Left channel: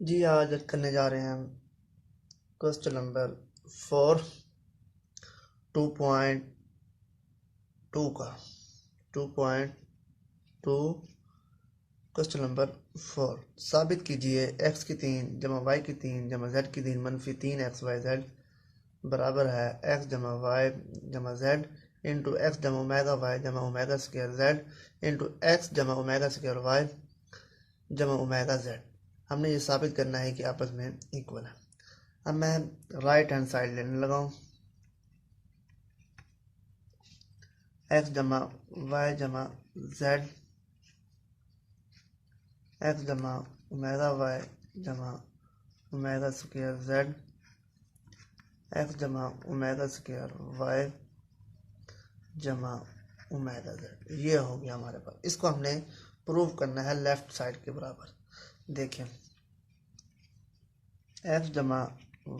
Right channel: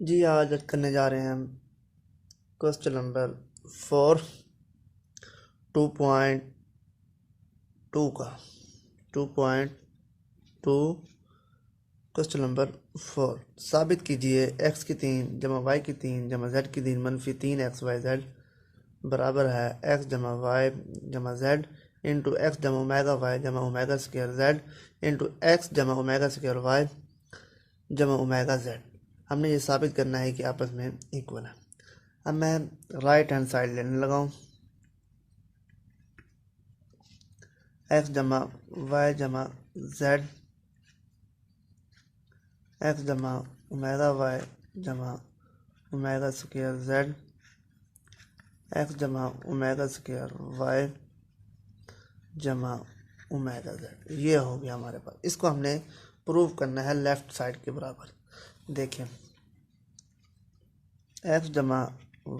जी आज करने जा रहे हैं हम क्वेश्चन नंबर 4 2.2 का 2.2 क्वेश्चन नंबर 4 साबित कीजिए x की 3 जमा y की 3 जमा z की 3 मनफी 3 xyz बराबर है x जमा y जमा z इंटू एक्स जमा ओमेगा y जमा omega square z into x जमा ओमेगा स्क्वायर y जमा ओमेगा z। हमने ये साबित करना है कि आपस में इक्वल है। अब मैं राइट हैंड साइड लेने लगा हूँ। एक्स जमा वाई जमा जेड एक्स जमा ओमेगा वाई जमा ओमेगा स्क्वायर जेड एक्स जमा ओमेगा स्क्वायर वाई जमा ओमेगा जेड। ये हो गया हमारे पास। इसको हमने प्रूव करना है लेफ्ट साइड के बराबर। देखें एक्स जमा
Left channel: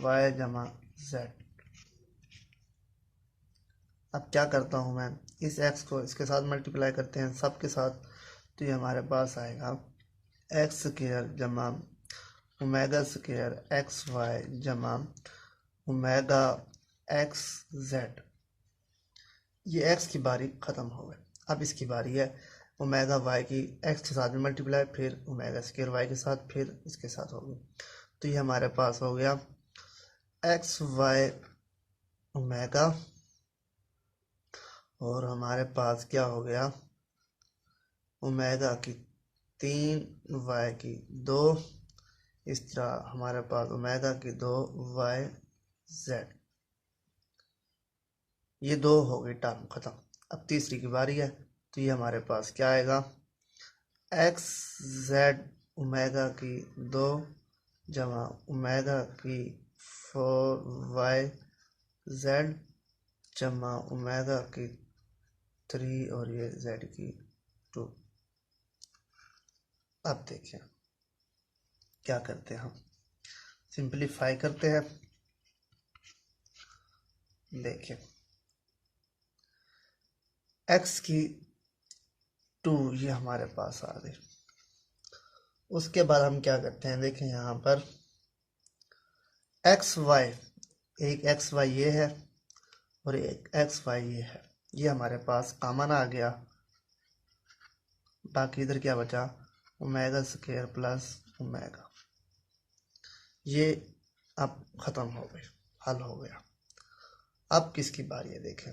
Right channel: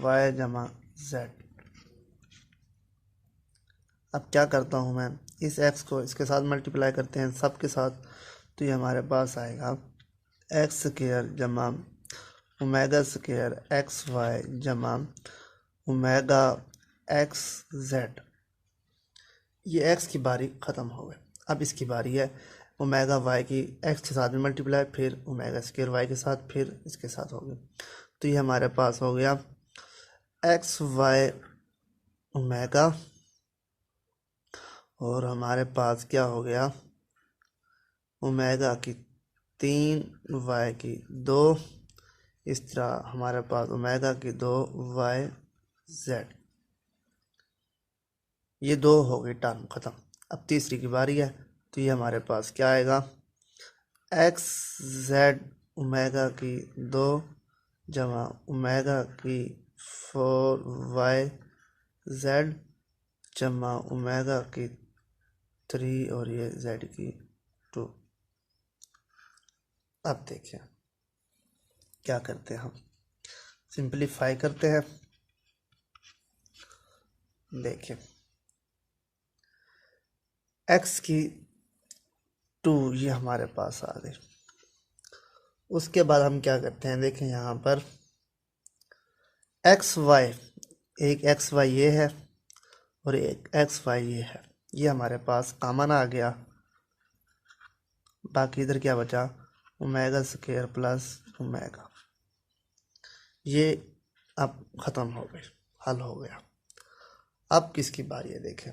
वाई जमा जेड। अब क्या करता हूँ मैं, इस एक्स को इसके साथ मल्टीप्लाई करते हैं सब के साथ, तो ये हमारे पास आएगा एक्स स्क्वायर जमा ओमेगा स्क्वायर एक्स वाई जमा ओमेगा एक्स जेड। ये एक्स की बारी ख़त्म हो गई। अब इसकी बारी है ओमेगा वाई की एक्स के साथ में मल्टीप्लाई, फिर ओमेगा स्क्वायर वाई के साथ, फिर इसके साथ हो गई। तो ये हमारे पास हो गया एक्स वाई ओमेगा, और हमारे पास क्या हो गया ओमेगा की 3 वाई की 2। इस तरह हमारे पास ओमेगा की 2 वाई जेड। ये 2 हो गई टर्म ख़त्म। अब तीसरी की बारी है, तो ये हमारे पास क्या आएगा एक्स जेड ओमेगा की 2 जमा ओमेगा की 4 वाई जेड जमा ओमेगा की 3 और ये जेड की 2। अब देखें क्या करते हैं, हम सिंपलीफाई करते हैं। देखें x की 2 ये हमारे पास आ गई। उसके बाद हम क्या करते हैं, देखें यहाँ पर एक्स वाई, एक एक्स वाई ये है और एक एक्स वाई ये है। ये हमारे पास कॉमन आ गया। बाकी इधर क्या बचा ओमेगा स्क्वायर प्लस ओमेगा। ये अब ख़त्म हो गई, हल हो गया। अब किसकी बारी है, देखें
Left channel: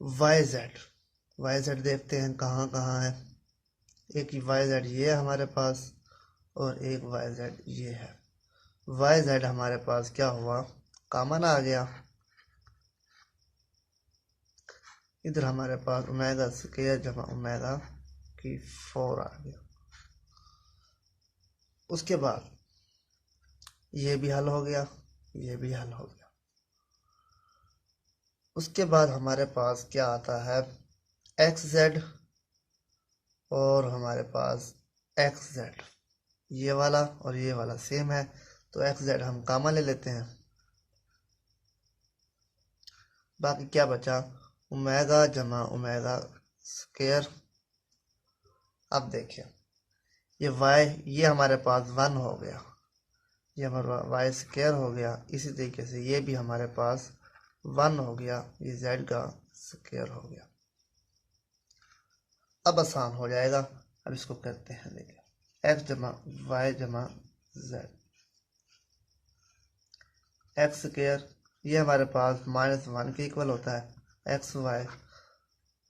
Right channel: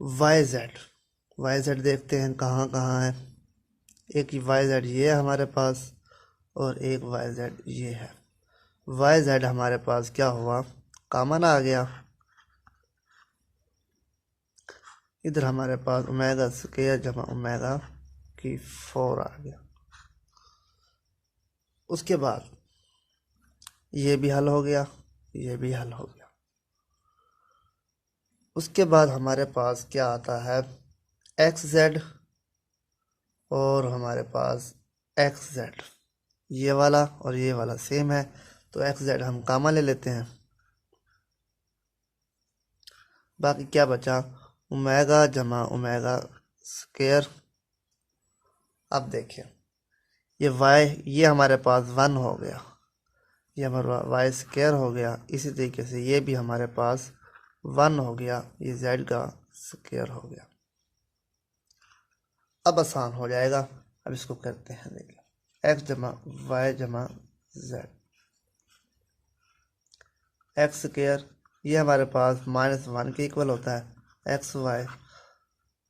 वाई जेड देखते हैं कहाँ कहाँ है। एक वाई जेड ये है हमारे पास, और एक वाई जेड ये है। वाई जेड हमारे पास क्या हुआ कॉमन आ गया। इधर हमारे पास ओमेगा स्क्वायर जमा ओमेगा की 4 आ गया। उसके बाद ये भी हल हो गया, ये भी हल हो गया। उसके बाद हमारे पास क्या आता है एक्स जेड और हमारे पास एक्स जेड। ये वाला और ये वाला सेम है, तो एक्स जेड हम कॉमन ले लेते हैं। बाकी क्या बचा ओमेगा जमा ओमेगा स्क्वायर। अब देखें ये वाई ये हमारे पास 1 हो गया, ये हमारा वाई स्क्वायर हो गया। इसी तरीके से ये भी हमारे पास 1 हो गया, ये जेड का स्क्वायर हो गया। अब आसान हो जाएगा। अब इसको करते हैं, देखिए एक्स जमा वाई जमा जेड एक्स स्क्वायर, ये हमारे पास -1 के इक्वल होता है एक्स वाई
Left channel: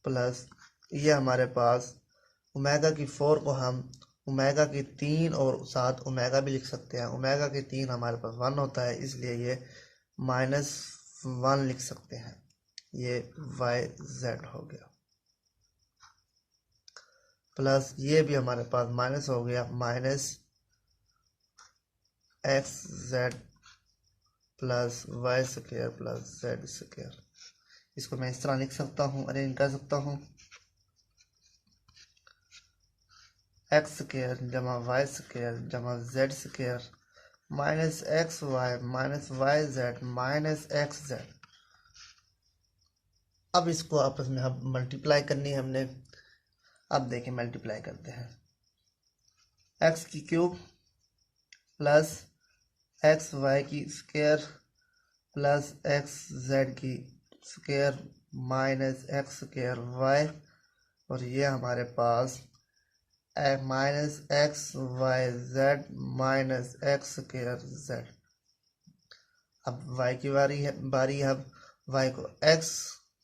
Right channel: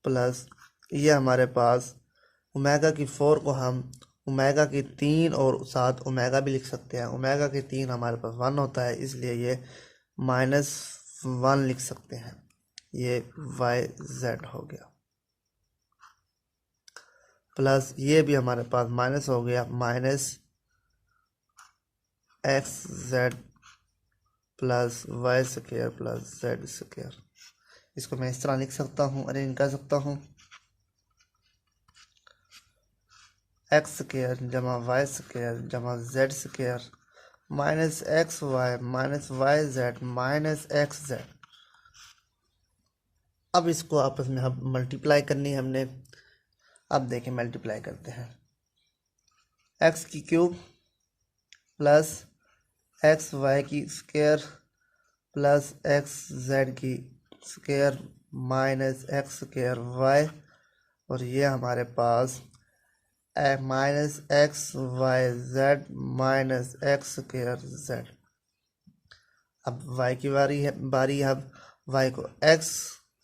प्लस ये हमारे पास ओमेगा की 4 को हम ओमेगा की 3 और साथ ओमेगा भी लिख सकते हैं। ओमेगा की 3 हमारे पास 1 होता है, इसलिए ये -1 लिख सकते हैं। ये वाई जेड हो गया प्लस ये भी हमारे पास माइनस हो गया minus x z plus Y square plus z square. इसको मैं इस तरह लिख सकता हूँ, अरेंज कर सकता हूँ एक्स स्क्वायर जमा वाई स्क्वायर जमा z square minus x y minus Y Z minus x z. अब इसको आपस में हम मल्टीप्लाई करनी है हमने। अब देखें मल्टीप्लाई करते हैं, एक्स की क्यूब प्लस एक्स वाई की स्क्वायर प्लस एक्स जेड की square minus X square Y, और ये हमारे पास minus x Y Z minus X square Z. अब वाई की बारी है। अब वाई को एक्स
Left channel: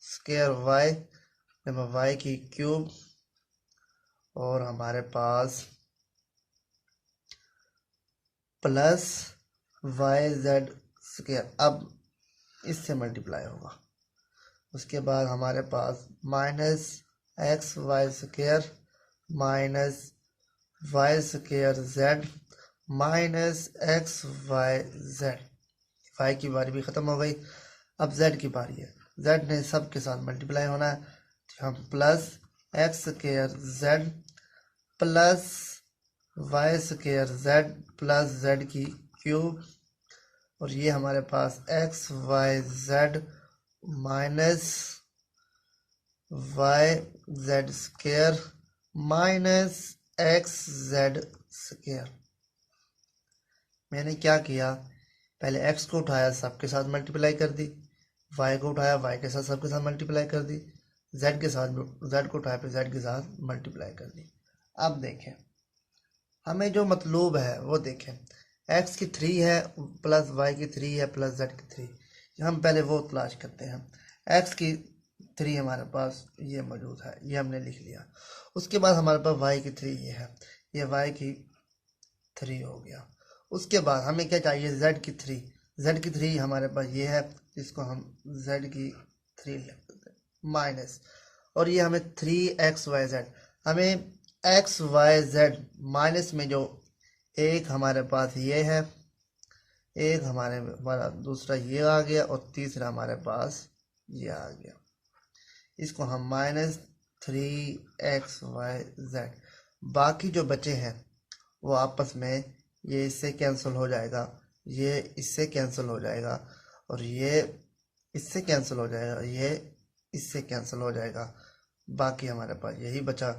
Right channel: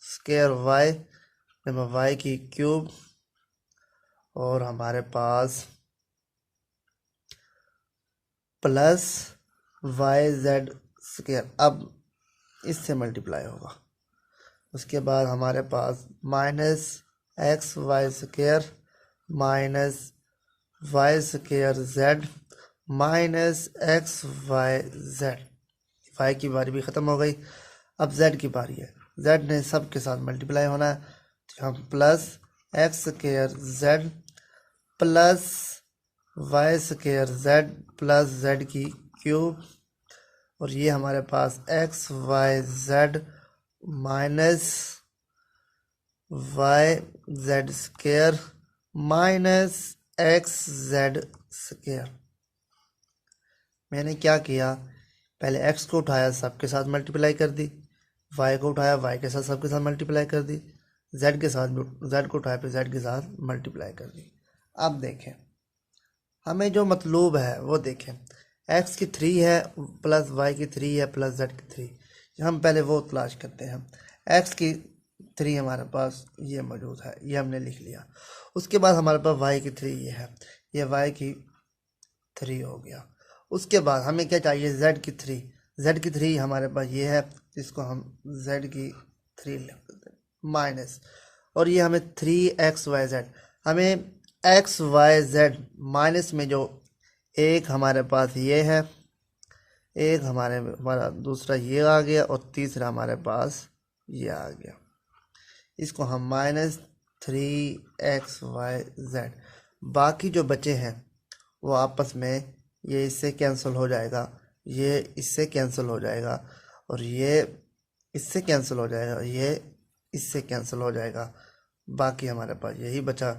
स्क्वायर वाई में वाई की क्यूब और हमारे पास प्लस वाई जेड स्क्वायर, अब इससे मल्टीप्लाई होगा। उसके बाद हमारे पास minus x Y square minus Y square Z minus x Y z. Y की बारी भी ख़त्म हो गई। अब जेड की बारी है। जेड ने सब के साथ मल्टीप्लाई होना है, तो हम plus X square Z plus Y square Z plus Z की क्यूब, और ये हमारे पास X Y Z minus Y Z square minus x Z square. मैंने क्या किया, पहले x को उठाया सबके साथ मल्टीप्लाई कर दी, y को उठाया y के साथ सबके साथ मल्टीप्लाई कर दी, z के साथ z को उठाया फिर z के साथ मल्टीप्लाई कर दी। अब देखें हमें जो मतलूब है वो देखें, x की 3 है प्लस y की 3 है प्लस z की 3, हम पहले वो तलाश करते हैं। x की 3 हमारे पास ये मौजूद है, ये हमने लिख लिया। उसके बाद हमारे पास y की 3 ये है, ये y की 3 हो गया। उसके बाद हमें क्या चाहिए, z की 3, z की 3 हमारे पास ये है, इसको हम z की 3 लिख देते हैं माइनस, और ये हमें 3xyz, हमें xyz माइनस में जो एक हमारे पास ये है, एक हमारा दूसरा ये आ गया और तीसरा हमारे पास ये आ गया। इसको हम माइनस 3xyz, बाकी जो बचे हैं वो आपस में ये इससे कैंसिल हो जाएगा, ये इससे कैंसिल हो जाएगा, और ये इससे कैंसिल हो जाएगा, ये इससे कैंसिल हो जाएगा। बाकी हमारे पास यही बचा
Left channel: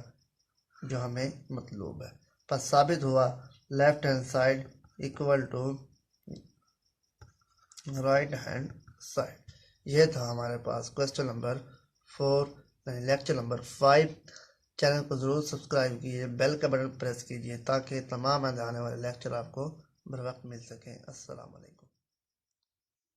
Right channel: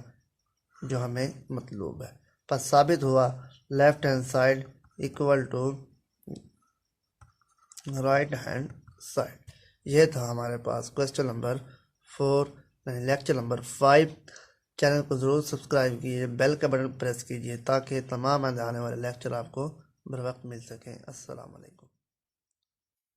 जो हमें मतलूब है। पर साबित हुआ left hand side equal to right hand side. ये था हमारे पास क्वेश्चन नंबर 4 यानी लेक्चर नंबर 5। चैनल को ज़रूर सब्सक्राइब कीजिए, बेल का बटन प्रेस कीजिए ताकि तमाम आने वाले लेक्चर आपको बर वक्त मिल सकें। अस्सलाम वालेकुम।